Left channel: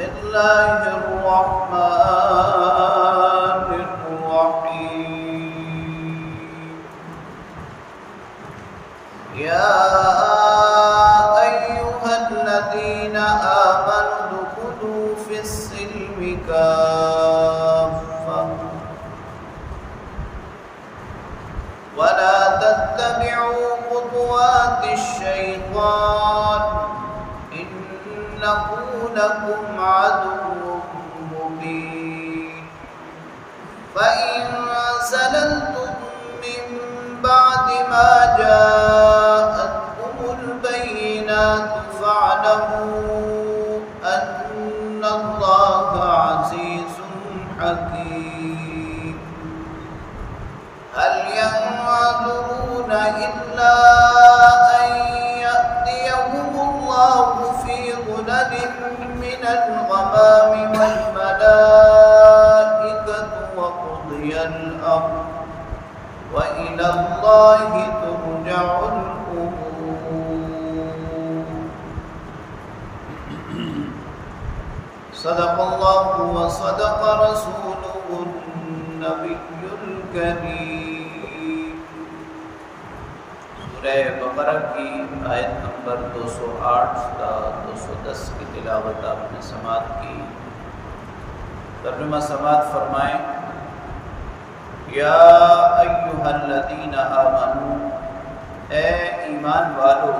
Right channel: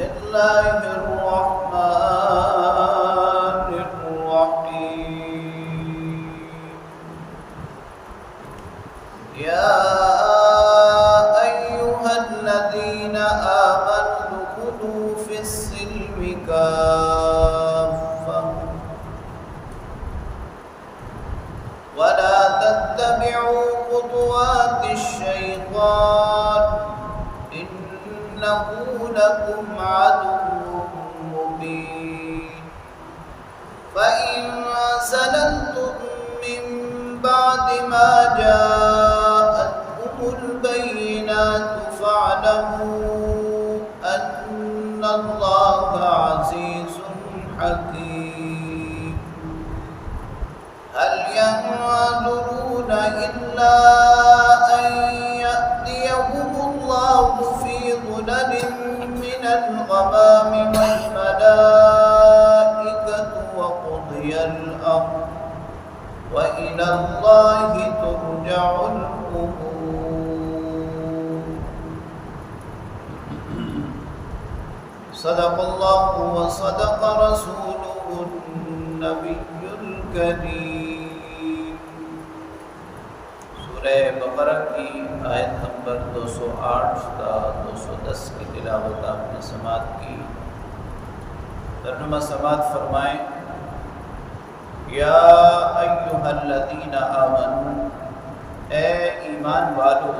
الله الرحمن الرحيم. يا أيها الذين آمنوا ادخلوا في السلم كافة ولا تتبعوا خطوات الشيطان إنه لكم عدو مبين. فإن زللتم من بعد ما جاءتكم البينات فاعلموا أن الله عزيز حكيم. هل ينظرون إلا أن يأتيهم الله في ظلل من الغمام والملائكة وقضي الأمر وإلى الله ترجع الأمور. صدق الله وصدق رسوله النبي الكريم. سورہ بقرہ کی آیت نمبر 208 تا 210 کی تلاوت آپ نے سماعت کی. ترجمہ سماعت فرمائیں. یا ایہا الذین آمنوا، اے ایمان والو،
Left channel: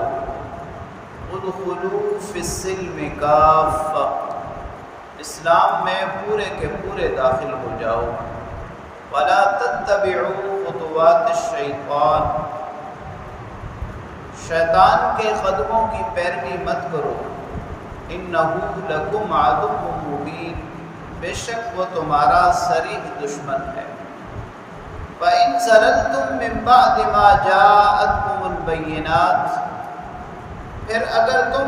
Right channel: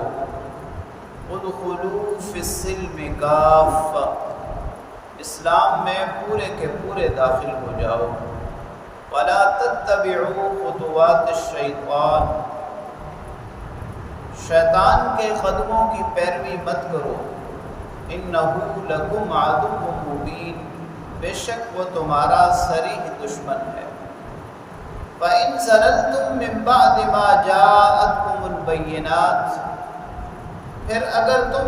ادخلوا فی السلم کافہ، اسلام میں پورے کے پورے داخل ہو جاؤ. ولا تتبعوا خطوات الشیطان، شیطان کے قدموں کی پیروی مت کرو. انہ لکم عدو مبین، بے شک وہ تمہارا صریح دشمن ہے. فإن زللتم من بعد ما جاءتكم البینات، پھر اگر تم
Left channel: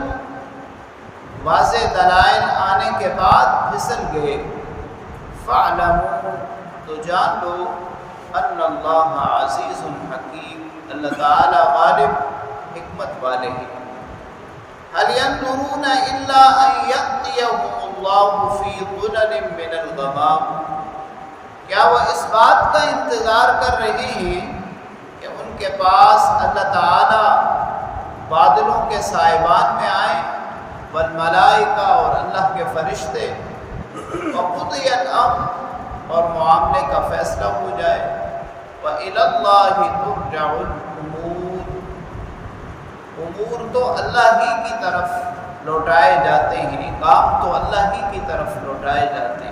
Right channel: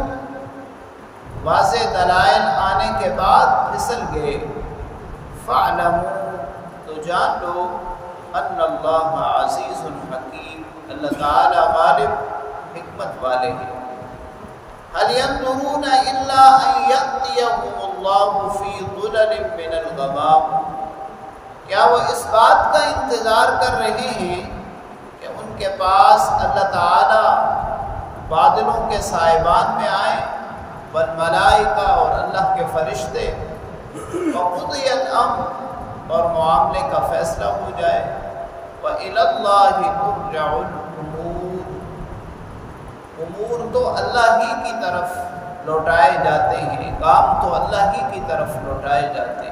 واضح دلائل آنے کے بعد پھسل گئے، فاعلموا، تو جان لو، ان اللہ عزیز حکیم، اللہ تعالی غالب حکمت والے ہیں. هل ينظرون الا ان يأتيهم الله في ظلل من الغمام، کیا وہ اس بات کا انتظار کر رہے ہیں کہ ان کے پاس اللہ تعالی بادلوں کے سائبان میں آئیں، والملائکہ، اور اللہ کے فرشتے، وقضی الامر، اور معاملے کا فیصلہ ہو جائے. وإلی اللہ ترجع الامور، امور تو اللہ ہی کی طرف لوٹائے جاتے ہیں، کام تو اللہ ہی کی طرف لوٹائے جاتے ہیں.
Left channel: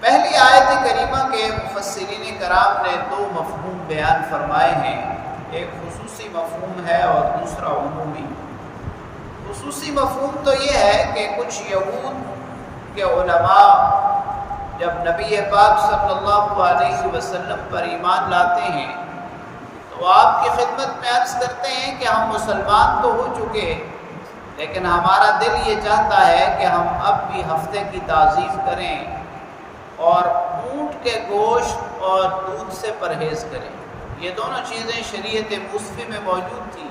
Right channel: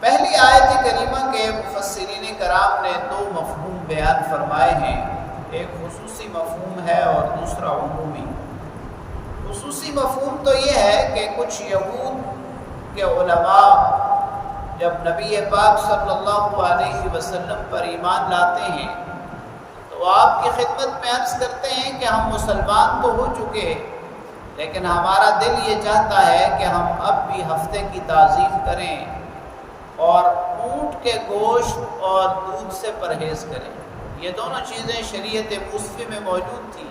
پہلی آیت کریمہ کے مفسرین کرام نے دو مفہوم بیان فرمائے ہیں. ایک خصوصی مفہوم ہے اور دوسرا عمومی. خصوصی مفہوم تو یہ ہے کہ کچھ یہود کے علماء جب نبی پاک صلی اللہ علیہ وسلم پر ایمان لاتے ہیں تو آپ کی خدمت میں عرض کرتے ہیں کہ ہم مسلمان تو ہو چکے، لیکن ہمارا دل یہ چاہتا ہے کہ ہم اب بھی ہفتے کی تعظیم کریں اور اونٹ کے گوشت اور دودھ سے پرہیز کریں. یہ دونوں چیزیں شریعت موسوی میں موجود تھیں.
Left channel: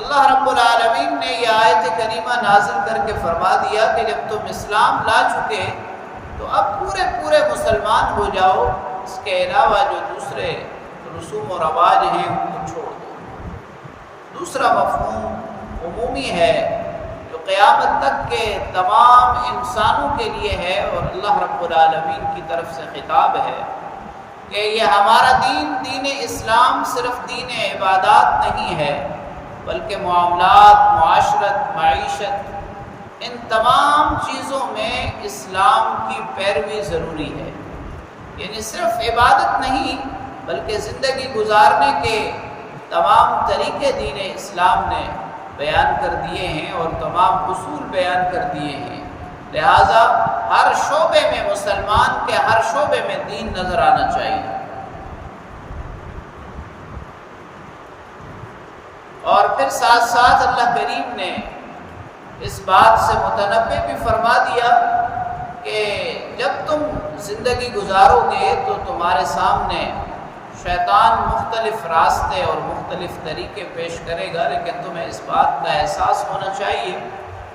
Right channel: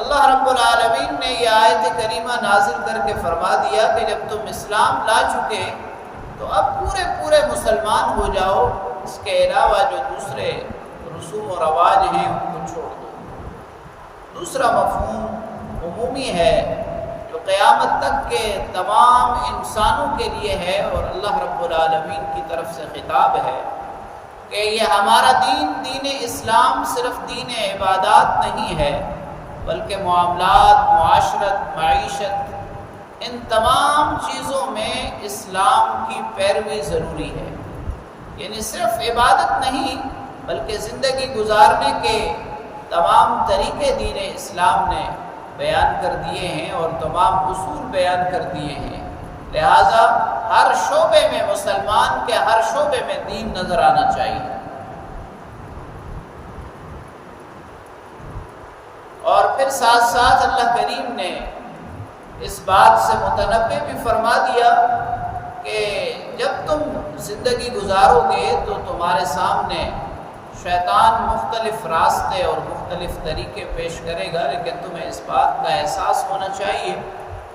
اللہ رب العالمین نے یہ آیت کریمہ نازل کر کے فرما دیا کہ جب تم اسلام لا چکے تو اب پورے مسلمان ہو جاؤ، اس کے علاوہ جو دوسرے رسوم و رواج ہیں ان کو چھوڑ دو. دوسرا مفہوم عمومی ہے جو قیامت تک کے تمام انسانوں کے لیے ہے، اور اللہ رب العالمین کی طرف سے خطاب ہے کہ یہ ہمارا دین اسلام صرف دین عبادات نہیں ہے، بلکہ معاملات، معاشرت، معیشت، ان تمام چیزوں میں اسلام کی پیروی ضروری ہے. یعنی صرف عبادت نہیں بلکہ زندگی گزارنے کے تمام طریقے دین اسلام نے بیان کر دیے ہیں اور تمام اصول بیان کر دیے ہیں. لہٰذا ہر شعبے میں مسلمان کے ہر شعبے میں دین نظر آنا چاہیے. اور پھر ساتھ ساتھ اللہ کریم نے اس بات سے متنبہ بھی فرما دیا کہ جب تم زندگی گزارو گے تو تمہارے سامنے شیطان مختلف راستے اور مختلف طریقے پیش کرے گا، لیکن تمہیں اس بات کا احساس ہونا چاہیے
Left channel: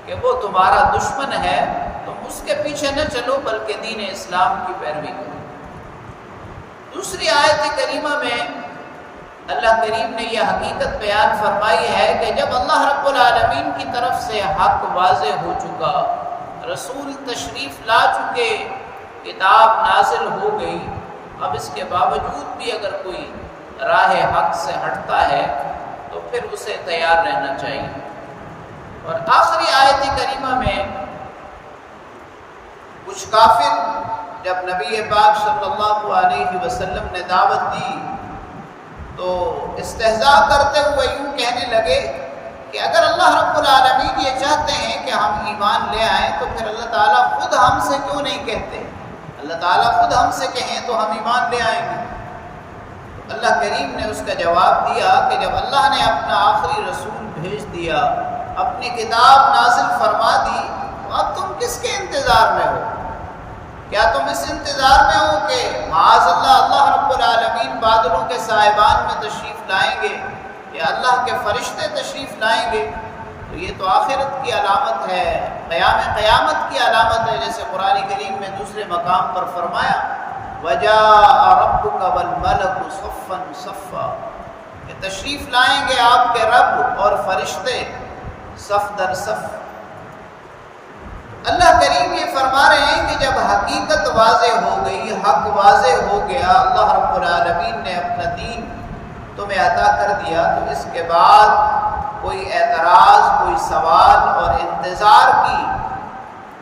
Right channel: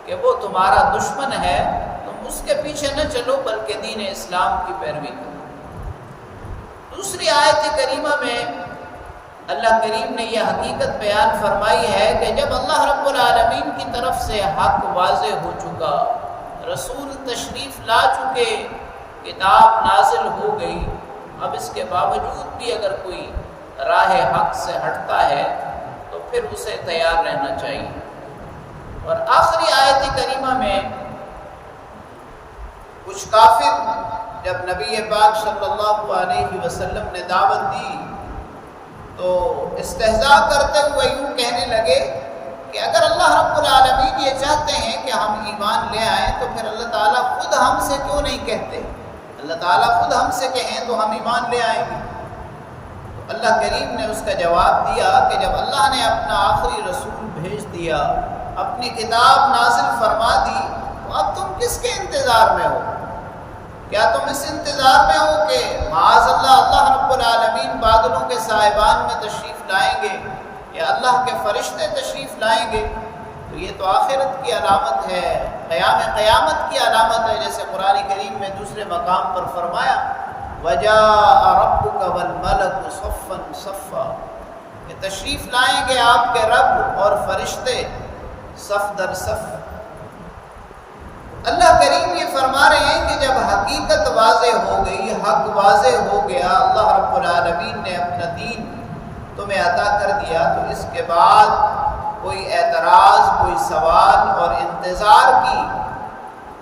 کہ وہ تمہارا دشمن ہے، تم اس کے پیچھے نہ چلو بلکہ دین اسلام کی پیروی کرو۔ دوسری آیت کریمہ میں اللہ کریم نے یہ حقیقت بیان فرمائی ہے کہ جب اللہ رب العالمین کی طرف سے حق واضح ہو چکا، رسول تشریف لا چکے، کتاب نازل ہو گئی، اب اس کے باوجود بھی اگر کوئی راہ حق سے ہٹتا ہے تو پھر اسے تیار رہنا چاہیے۔ اور آخری آیت کریمہ میں کچھ کافر جب نبی پاک صلی اللہ علیہ وسلم نے دعوت دی تو استہزاء کرتے ہوئے یوں کہنے لگے کہ اگر اللہ رب العالمین یہ چاہتے ہیں کہ ہم ایمان لے آئیں تو پھر اللہ تعالیٰ خود ہم سے کیوں نہیں کہتے؟ اللہ تعالیٰ خود ہم سے کہیں تو ہم ایمان لے آئیں گے۔ تو اللہ کریم نے اس کا جواب دیا کہ جب اللہ نے اپنا آخری رسول بھیج دیا، اپنی کتاب نازل فرما دی، تو اب تم کس کے انتظار میں ہو؟ کیا تم اس انتظار میں ہو کہ معاذ اللہ رب العالمین بادلوں کے سائبان میں تشریف لائیں گے یا اللہ کے فرشتے تشریف لائیں گے؟ تو یہ تو آخرت کی علامت ہے، قیامت کی علامت ہے، جیسے قرآن کریم میں دوسرے مقام پر فرمایا وَجَاءَ رَبُّكَ وَالْمَلَكُ صَفًّا صَفًّا، کہ تشریف لائیں گے آپ کے رب اور فرشتے صف در صف۔ اللہ کریم یہ فرما رہے ہیں کہ جب حقیقت واضح ہو گئی، حق واضح ہو گیا، اللہ رب العالمین نے اپنا دین تمہیں عطا کر دیا، تو اس کے بعد کوئی اعتراض، کوئی سوال اور انتظار کی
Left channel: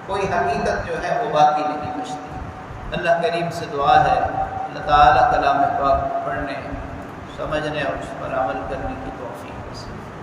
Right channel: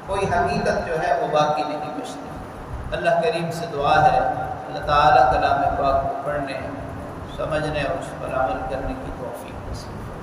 کوئی حقیقت جو ہے وہ باقی نہیں بچتی۔ اللہ کریم سے دعا ہے اللہ تعالیٰ کلام پاک کو پڑھنے، سمجھنے اور اس پر عمل کرنے کی توفیق نصیب۔